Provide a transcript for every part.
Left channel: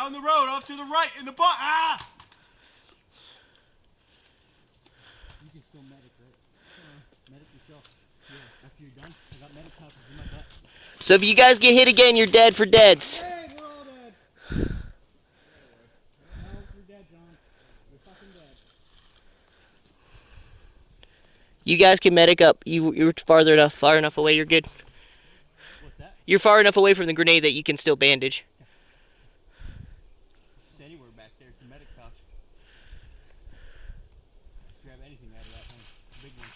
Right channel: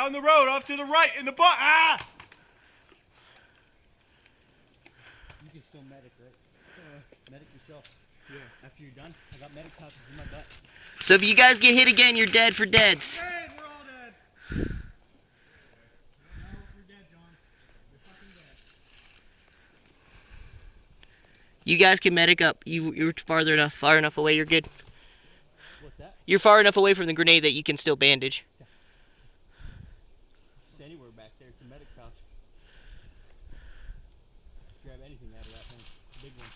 Down the road, off to the right, in the butt. Ah! You can still medic, right? Medic yourself. Yeah. After you're done, I got medic pouches in my butt. So if you guys get hit again, you're dead for deads. Dead, we're all dead. No, you're dead, John. You're fucking dead. You guys can medic up. You're far enough away. You're good. What's that? You're far enough away from the grenade that you can still bandage. It's anywhere back there. It's a medic pouch. Grab anything out of that thing. Big one.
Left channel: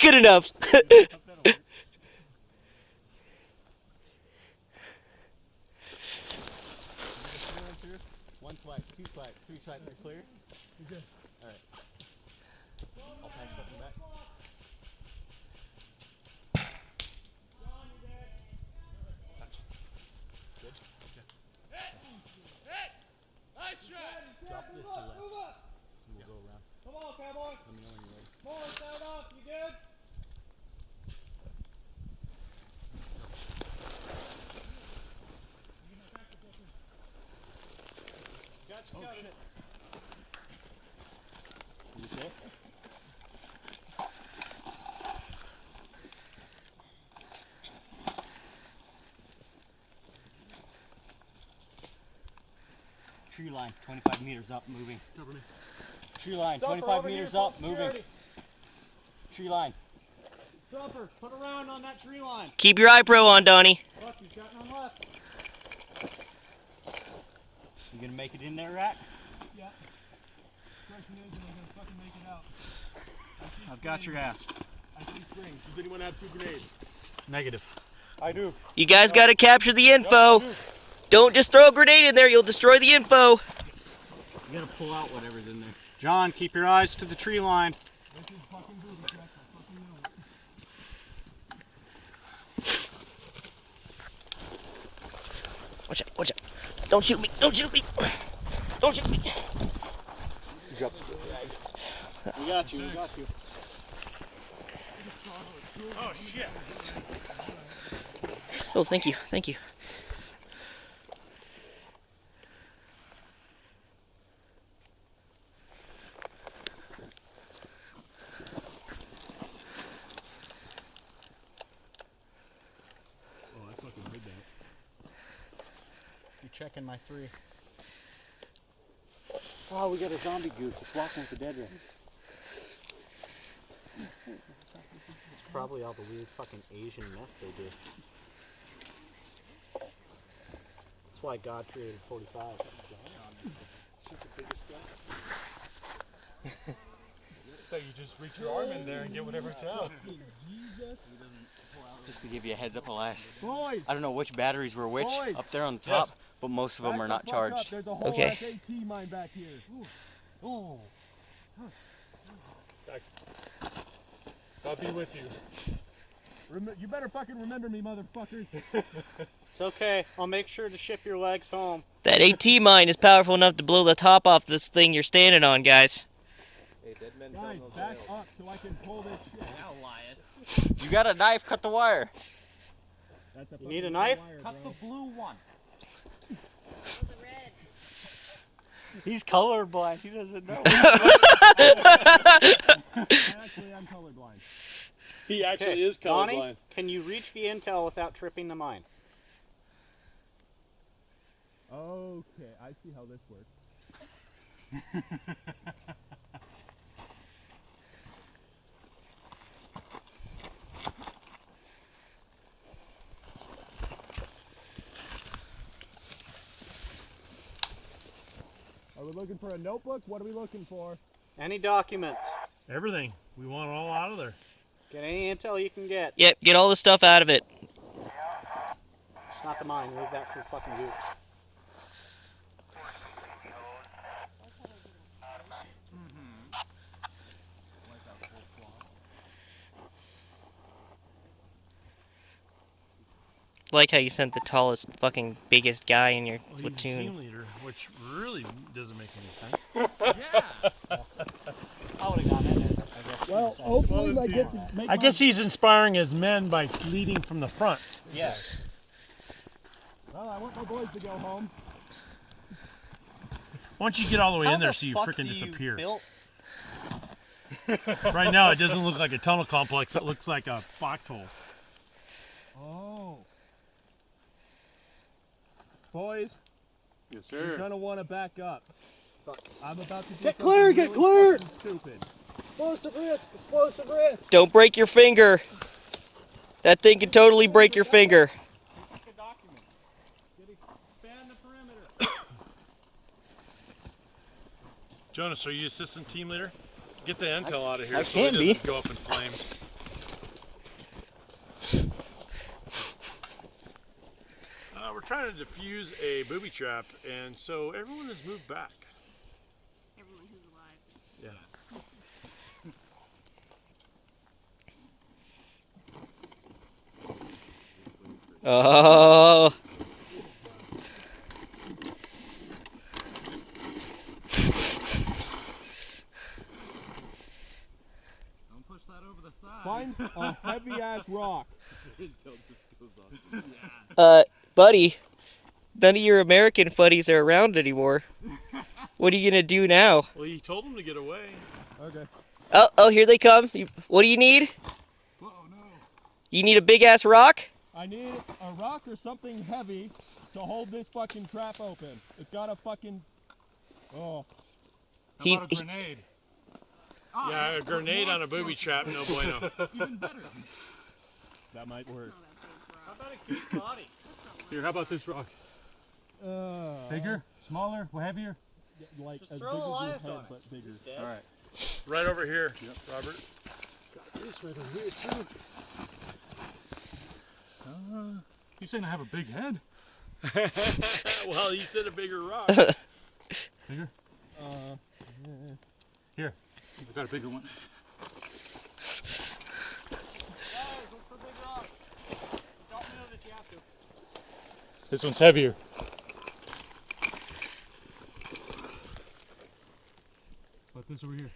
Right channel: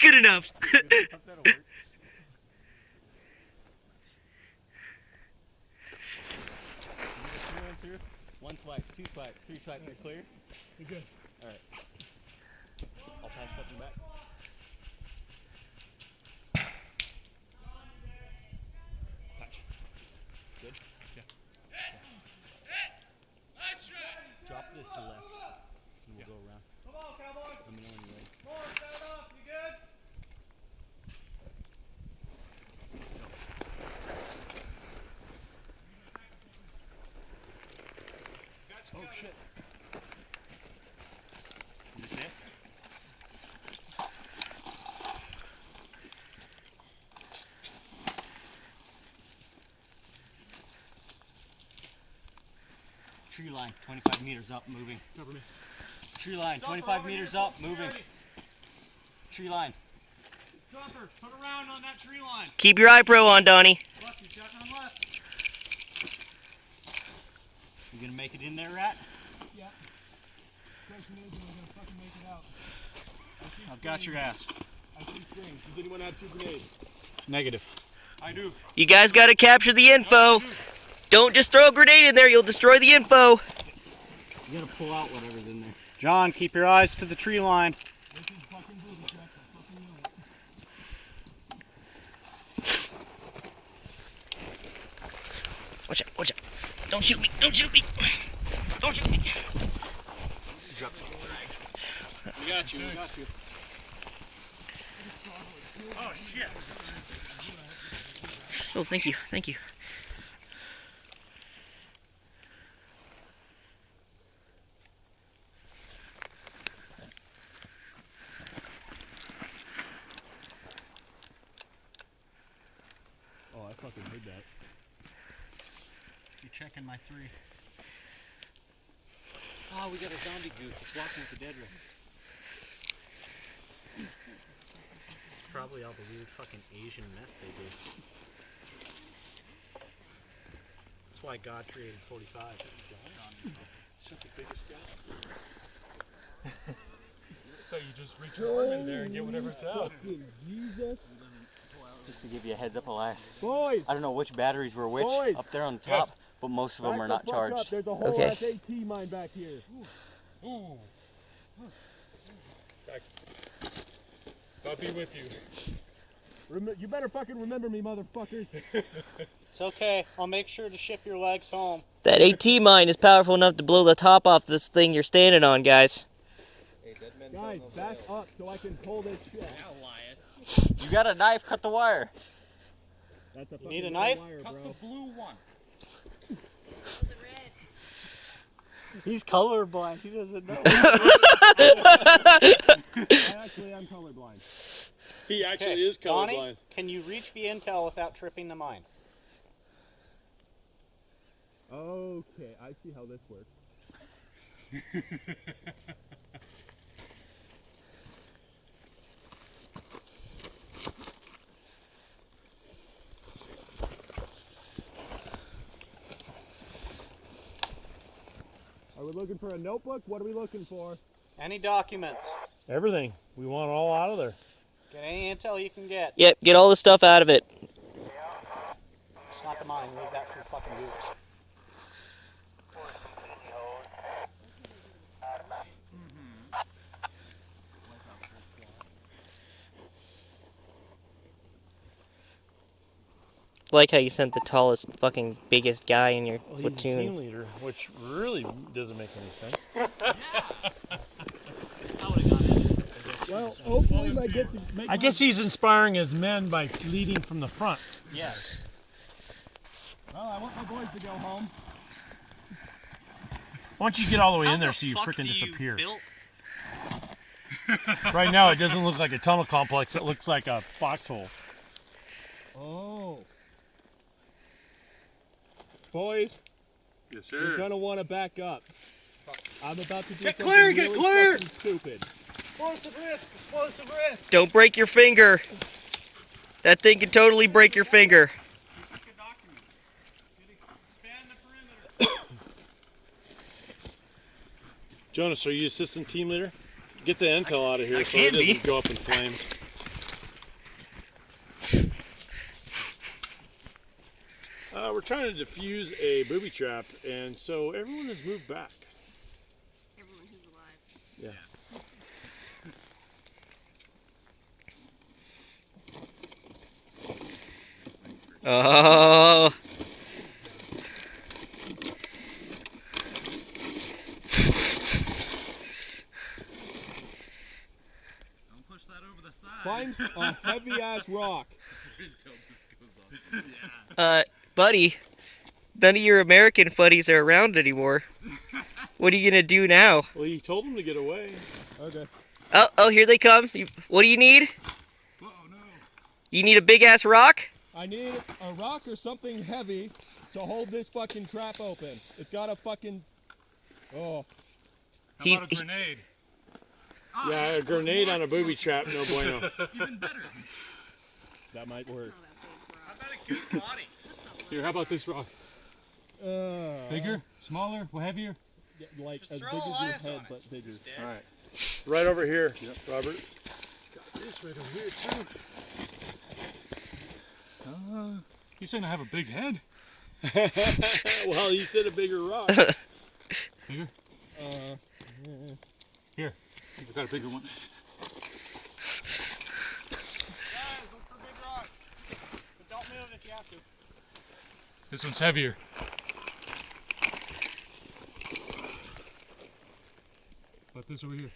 Good enough. One swipe, two swipe, three swipe, you're clear? You're good. Alright. I'll pass up and back. Touch. Good? Yeah. Drop this to the left. And we'll go around. Come on, cowboy. Let me know when you're ready. Come on, stand up. You good? Oh shit. Can you see it? Tree line, 25 meters up, moving. Cover me. Tree line, 25 meters up, moving. Tree line. Jumper, put around on that tree line. Keep your eye pro on, Donnie. Left, he's got none left. You gonna make it in there, Rat? Yeah. Question is, am I gonna fucking make it out? I've got your ass. I see strings. Does anyone have 2 grenades? Negative. I do. You guys got to capture the info. Don't just throw a grenade in there. You'll destroy the info. You gotta pull out whatever's in there. John, keep your eyes to the tree line. This is fucking booty check. I fucking know it. Watch out, watch out. Don't shoot me, don't shoot me. Don't shoot me. We got you, we got you. Oh, shit. Oh, thank you, thank you. Oh, I fucking heard that. You checking my 3. Oh, we got a zombie goop. It's walking with the dead rat. Probably all the weird fucking Asian meth they do. That's why God created 45. Such the biggest guy. Thought you just reach your arm in there and get whatever's out. Just to give you a heads up, Elias. Boys! I don't know which batteries were which Boys! up there on the top, but most of them are not charged. There's a whole Okay. SAT mine back here. Ooh. God be with you. You better fucking remember me, motherfuckers. It's okay. I'll make sure to ship your legs home. That AT mine is powerful enough to blow the top off this thing you're standing on, guys. Guys, back up so I can pull this shit. You got a knife? Cut the wire. That's a You need a fucking knife? wire, bro. The blue one. He's colorblind. He doesn't know. Actually, I'm colorblind. He actually is colorblind. Donnie, can you reach the intel without tripping the mine? Okay, I see how this works. Are we looking for a notebook? What are we looking for? Any documents? Everything. We want it all out of there. Get any intel you can get. Yep, get all the stuff out of it. It's not the mine. Leave that for fucking groups. like how you sent the tallest, fucking biggest guy in your Well, he's a platoon. team leader, which really doesn't make any sense. I would have done it. I guess. Well, hopefully I guess he's inspiring his men by leading from the front. Yes. Well, I want my boys to go home. Why don't you get all the way How in there the so you fuck freaking do you disappear? build- Right now, it doesn't look like a tunnel complex. It looks like a foxhole. Oh. Boys, Yes, you're gonna want to back up. I'm about to do Get something clear, get really clear. fucking stupid. Explosive risk! Explosive risk! Don't break your finger. That thing could totally break your finger. Jonas, are you assistant team leader? Get the intel out of here I so can it doesn't be. go up in flames. We're trying to defuse a booby trap, and so everyone has moved back. Everyone who's alive. Yeah. Oh. Don't push that over the side. Find a heavy ass rock. Buddy, none of your American buddies are around anymore. What are you gonna do now? Well, you told them to get away. Okay. Oh, here they come. What do you need? Oh no. You need a big ass rock? I need a rock or something heavy to hold this fucking trap open. It's got a fucking. Oh. He- How about a grenade? Yeah, a grenade on a booby trap, no bueno. Even better. That might work. Not that big rock. How about a good body? Here, how about this rock? Bigger? Smaller? Heavier? Yeah, like Just as throw big as your Elias head, on it. but bigger. Just dead. All right. Right over here, Robert. Got this right over here, too. You're saying I have a big head? Well, you said a bigger rock. Bigger? Here. I got a bigger one. Guys, look for big rocks. But don't move if you have to. This one's heavier. But this over here.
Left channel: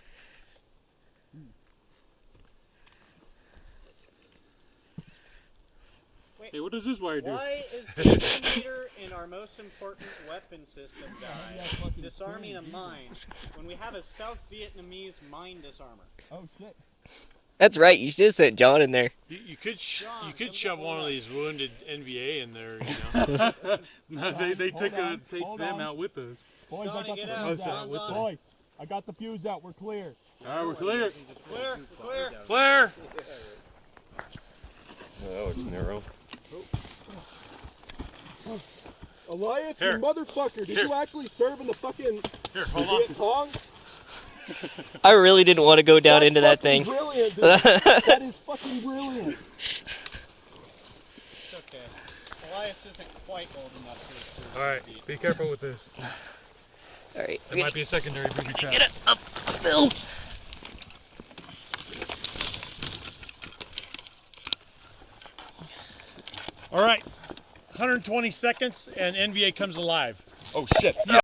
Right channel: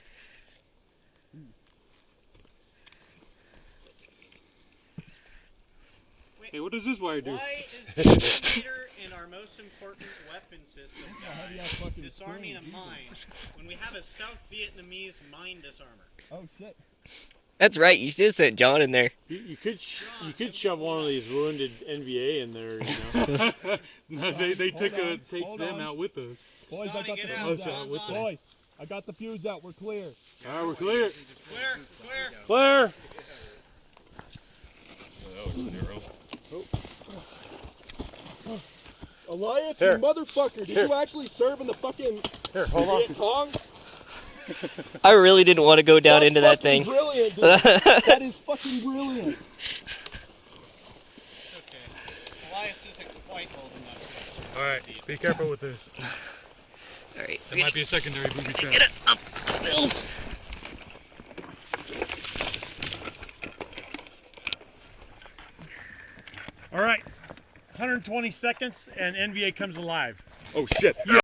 Hey, what does this wire do? Why is the meter in our most important weapon system, Heavy guys, ass fucking disarming a screen. mine when we have a South Vietnamese mine disarmer? Oh shit. That's right. You should have sent John in there. You could shove one of these wounded NVA in there, you know. No, they Hold on, take hold them on. out with us. Boys, I Donnie, got get the out. fuse John's out. on it. Boys, I got the fuse out. We're clear. All right, we're clear. Clear, clear. Claire! Elias, Here. you motherfucker! Did Here. you actually serve in the fucking Here, hold on. Viet Cong? I really didn't want to go down That's into that fucking thing. Brilliant, dude. That is fucking brilliant. It's okay. Elias isn't quite old enough to serve. All right, be careful with this. All right. There might be a secondary booby trap. Get it up, Bill. All right, 120 seconds and NVA comes alive. Oh shit.